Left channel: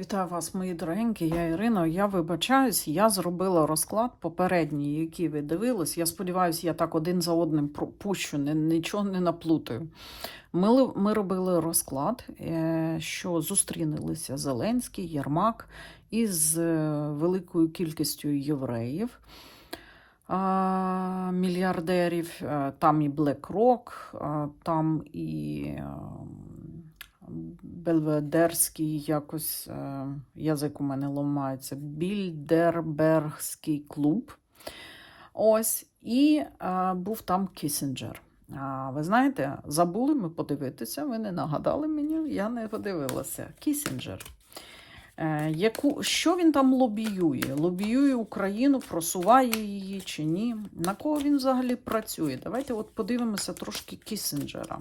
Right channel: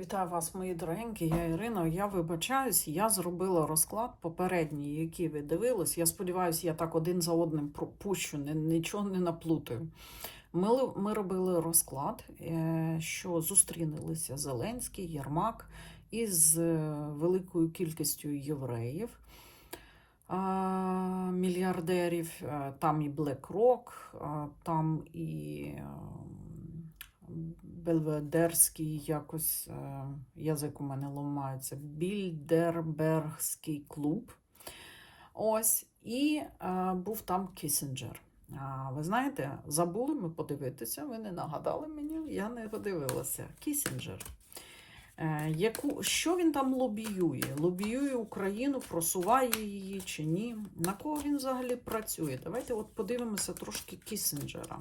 Вітаю вас, мої дорогенькі. Я Ірина. Я вибачаюсь, я зробила розклад попередній, який ви дивились. Я сподіваюся, я так один за одним пропущу, нічого не наплутаю. Ми, ми робили розклад, е, що зустрінилися Зеленський, Єрмак із е, великою кількістю євреїв. Мільярдерів, Е, там і BlackRock, там і Бельведерський якось е, язик у мене ламається. Більдербергський клуб. Ось. І е, був там Кісінджер. А, ви знаєте, забули ми подивитися, ви не нагадали мені, я не подивилася. Кісінджер. Е, яку, що він там лобіює? Лобіює Україну, просуває її чи ні? На кого він взагалі працює? Давайте от подивимося трошки Кісінджера.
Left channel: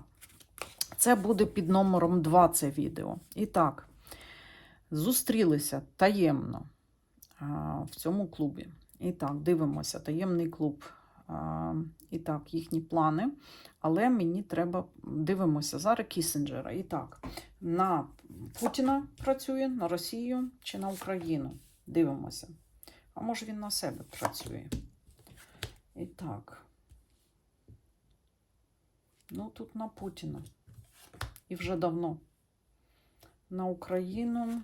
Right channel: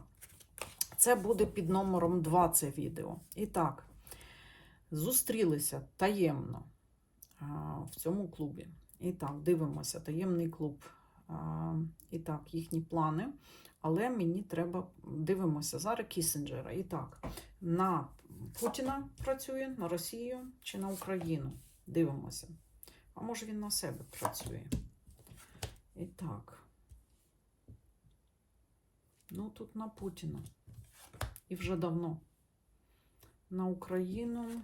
Це буде під номером 2 це відео. І так, зустрілися таємно в цьому клубі. І так, дивимося, таємний клуб. І так, їхні плани. Але мені треба дивимося зараз Кісінджера. І так, на Путіна працює, на Росію чи на Україну. Дивимося. А може він на себе працює. І так. Ну, тут на Путіна. І вже давно. На Україну.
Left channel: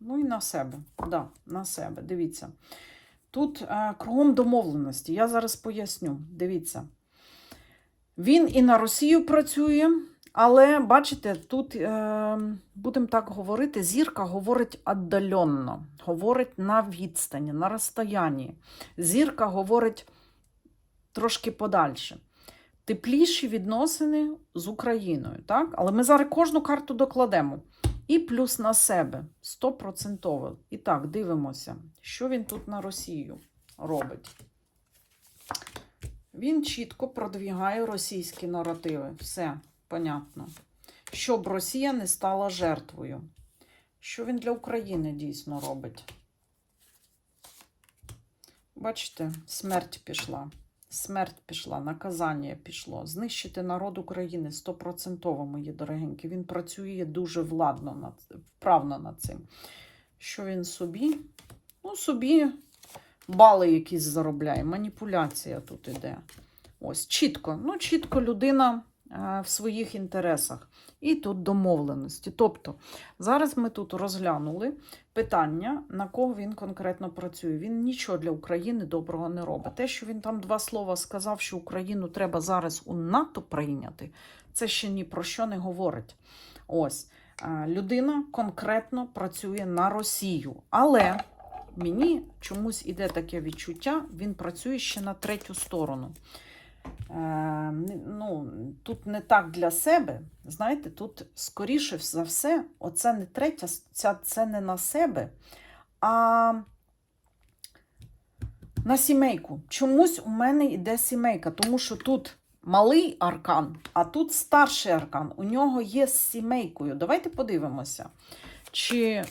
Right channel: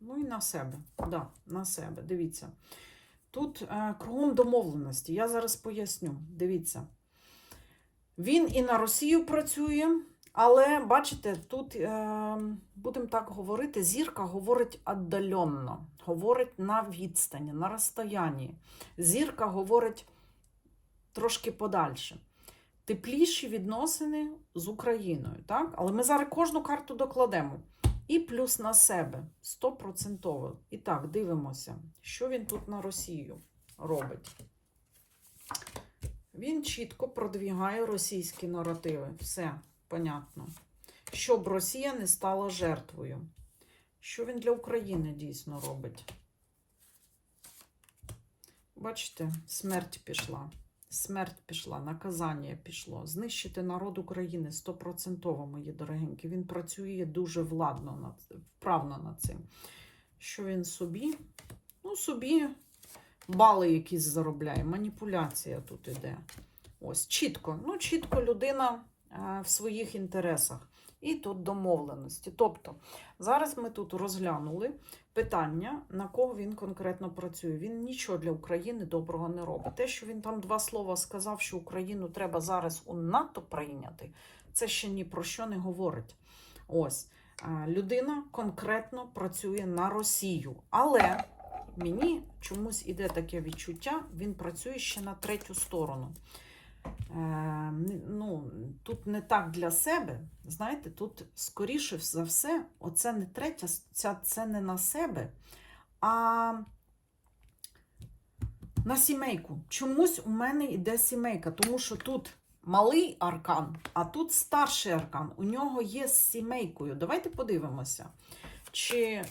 Ну і на себе. Да, на себе. Дивіться. Тут е, кругом домовленості. Я зараз поясню. Дивіться. Він і на Росію працює, але бачите, тут, е, будемо так говорити, зірка говорить віддаленно, говорить на відстані, на розстоянні. Зірка говорить трошки подальше тепліші відносини з Україною. Так? Але ми зараз кожну карту докладемо. І плюс на себе 100%. І так, дивимося, що він тут на Росію робить. Він чітко продвігає російські наративи. Все, понятно. Щоб Росія не стала жертвою. Що він для України дійсно робить? Бачите, смерть пішла. Смерть пішла, наказання пішло. Знищити народ України стопроцентово, мої дорогенькі. Він працює дуже владно, над, вправно над цим. Що він собі? Ну, собі бали якісь заробляє. Маніпуляція тут іде. Ось, чітко. Ну, чітко людина е, в своїх інтересах. І тут домовленості. Тобто, зараз ми тут розглянули питання, на кого він конкретно працює. Він нічого для України доброго не робить. А те, що він там два слова сказав, що Україну треба зараз у НАТО прийняти, це ще ні про що не говорить. Ось е, людина конкретно працює на Росію, але мені чомусь іде таке відчуття, він працює ще на третю сторону. Е, ну, тут не так для себе. Знаєте, тут скоріше за все, оце не третя, ця, це не на себе, а на сімейку. Чомусь у мене йде сімейка, тому що тут малий аркан, а тут старший аркан. У нього є з сімейкою. Давайте подивимося. Чи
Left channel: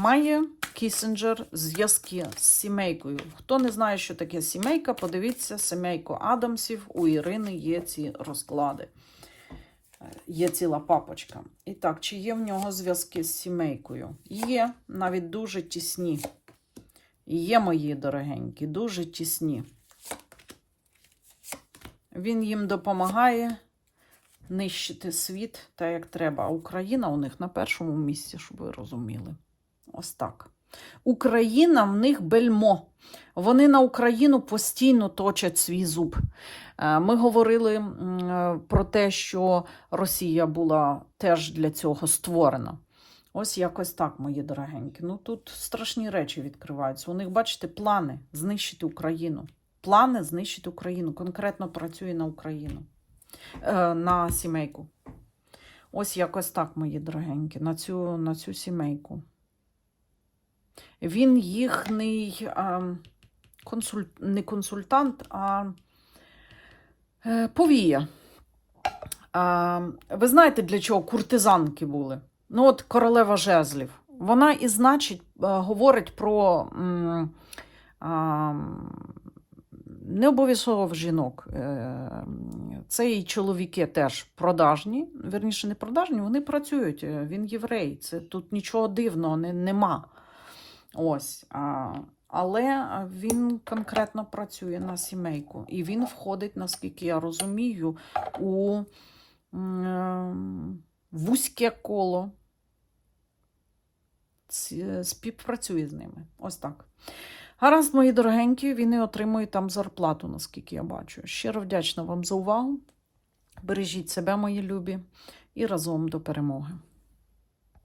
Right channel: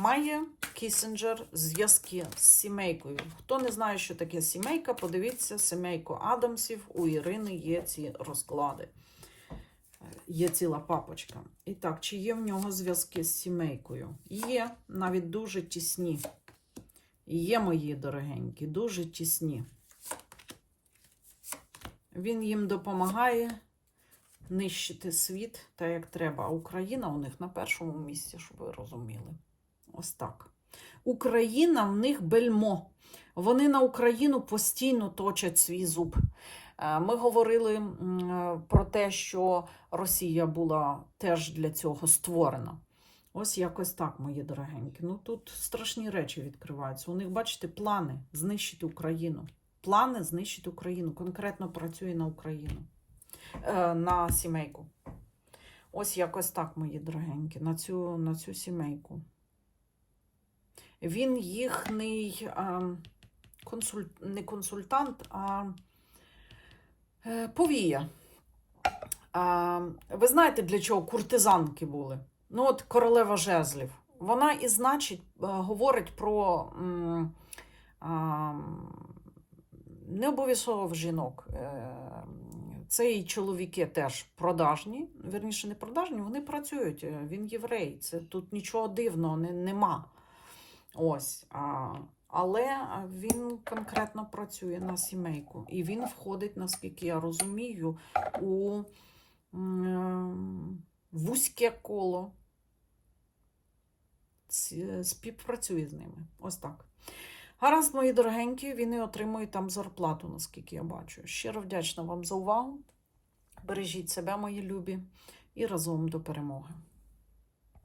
має Кісінджер зв'язки з сімейкою? Хто не знає, що таке сімейка, подивіться сімейку Адамсів. У Ірини є ці розклади. Є ціла папочка. І так, чи є в нього зв'язки з сімейкою? Є, навіть дуже тісні. Є, мої дорогенькі, дуже тісні. Він їм допомагає нищити світ так, як треба. А Україна у них на першому місці, щоб ви розуміли. Ось так. Україна в них бельмо. Вони на Україну постійно точать свій зуб. Е, Ми говорили про те, що Росія була теж для цього створена. Ось якось так, мої дорогенькі. Ну тут страшні речі відкриваються. У них, бачите, плани знищити Україну. Плани знищити Україну. Конкретно працює на Україну, на сімейку. Ось якось так, мої дорогенькі, на цю, на цю сімейку. Він їхній а, консуль... не консультант, а е, повія. Ви знаєте, для чого куртизанки були? Ну, от королева жезлів. Вона і значить е, говорить про не обов'язково жінок. Е, Це і чоловіки теж продажні, верніше, не продажні, вони працюють. е, Він єврей. Це тут нічого дивного не, нема. Ось. А, але він конкретно працює на сімейку. І він входить, наскільки я розумію, у м, вузьке коло. Співпрацює з ними. Ось так. Гаразд, мої дорогенькі, він і отримує там зарплату, наскільки я бачу. Щиро вдячна вам за увагу. Бережіть себе, мої любі, і разом до перемоги.